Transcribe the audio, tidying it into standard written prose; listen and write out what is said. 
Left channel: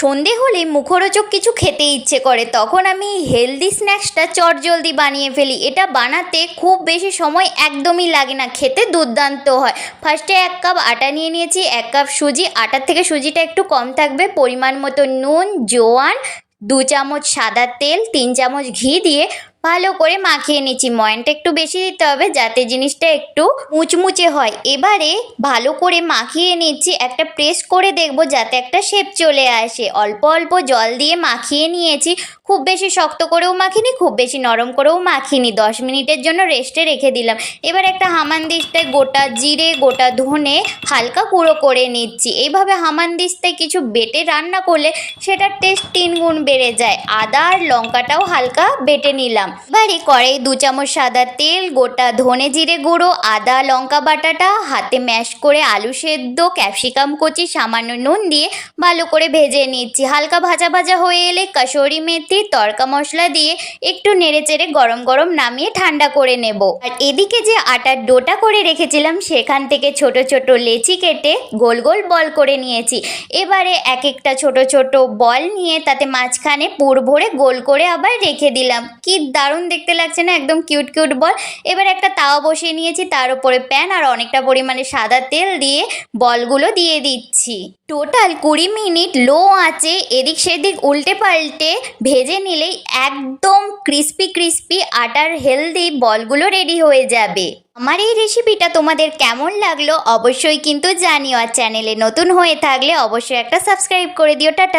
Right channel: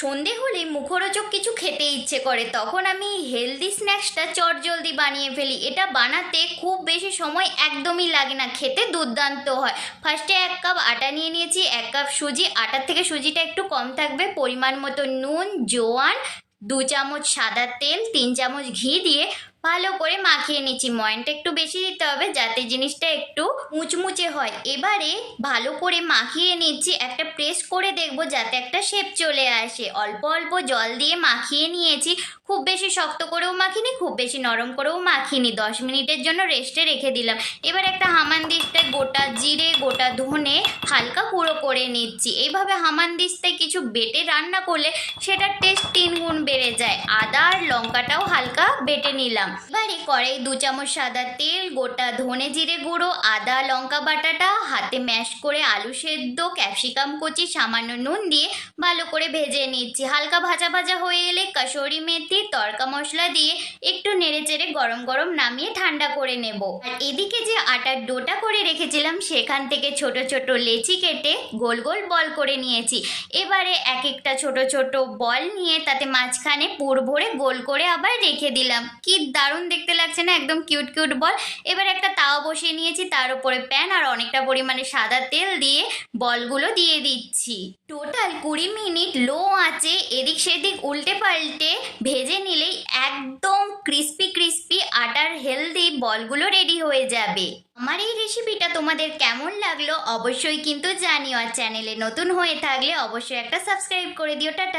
সন্ধে হলে মুখরোচক কিছু খেতে ইচ্ছে করে, তখন আমি হেলদি স্ন্যাক্সটা চটজলদি বানিয়ে ফেলি। এটা বানাতে খুব বেশি সময় একদমই লাগে না, খেতে দুর্দান্ত হয়। ফার্স্টে 1 কাপ আটা নিয়ে নিয়েছি, 1 কাপ সুজি। আটার থেকে সুজিটা একটু কম থাকবে। পরিমাণ মতো নুন, জোয়ান, 2 চামচ সাদা তেল, 3 চামচ ঘি দিয়ে ভালো করে মাখিয়ে নিচ্ছি। ময়ানটা একটু বেশি দিতে হবে যাতে জিনিসটা একটু মুচমুচে হয়। এবারে ভালো করে মাখিয়ে নিচ্ছি, একটা প্রেস করে দেখব যাতে একটা শেপ চলে আসে। অল্প অল্প জল দিয়ে মাখিয়ে নিয়েছি, খুব বেশি শক্ত করেও মাখিনি, খুব বেশি নরম করেও মাখিনি। 10 মিনিটের জন্য রেস্টে রেখে দিলাম। এবার একটা হামানদিস্তায় গোটা জিরে, গোটা ধনে হালকা গুঁড়ো করে নিচ্ছি। এইভাবে হামানদিস্তায় কিছু বেটে রান্না করলে সেটার টেস্ট 3 গুণ বেড়ে যায়। আদা আর লঙ্কাটাও হালকা বেটে নিলাম। এবারে কড়াই 2 চামচ সাদা তেল, গোটা ধনে জিরে গুঁড়ো, আদা লঙ্কা বাটাটা হাতে ম্যাশ করে, আলু সেদ্ধ, ক্যাপসিকাম কুচি, সামান্য নুন দিয়ে ভালো করে ভেজে নিচ্ছি। হালকা ভাজা ভাজা হয়ে এলে কাসুরি মেথি, তড়কা মশলা দিয়ে একটু নেড়েচেড়ে গরম গরম নামিয়ে ঠান্ডা করে নেব। আর এদিকে যে আটার ডোটা করে রেখেছিলাম সেখান থেকে ছোট ছোট লেচি কেটে গোল গোল বল করে নিয়েছি। এবারে এক একটা ছোট ছোট বল নিয়ে তাতে মাঝখানে পুর ভরে গোল করে আবার রেখে দিলাম। কি দারুণ দেখতে লাগছে না, একদম কিউট কিউট বল। এবার একটা তাওয়া বসিয়ে নিয়েছি, তার উপরে প্যান আর অনেকটা পরিমাণে সাদা তেল দিয়ে বলগুলো দিয়ে দিচ্ছি। টোটাল 20 মিনিট লো আঁচে এদিক সেদিক উল্টে পাল্টে ভেজে নিলেই একদম ক্রিস্পি ক্রিস্পি আটার হেলদি বলগুলো রেডি হয়ে যাবে। আমার এই রেসিপিটা তোমাদের কেমন লাগলো অবশ্যই কিন্তু জানিও। আর চ্যানেলে নতুন হয়ে থাকলে অবশ্যই একটা সাবস্ক্রাইব করে দিও। টাটা।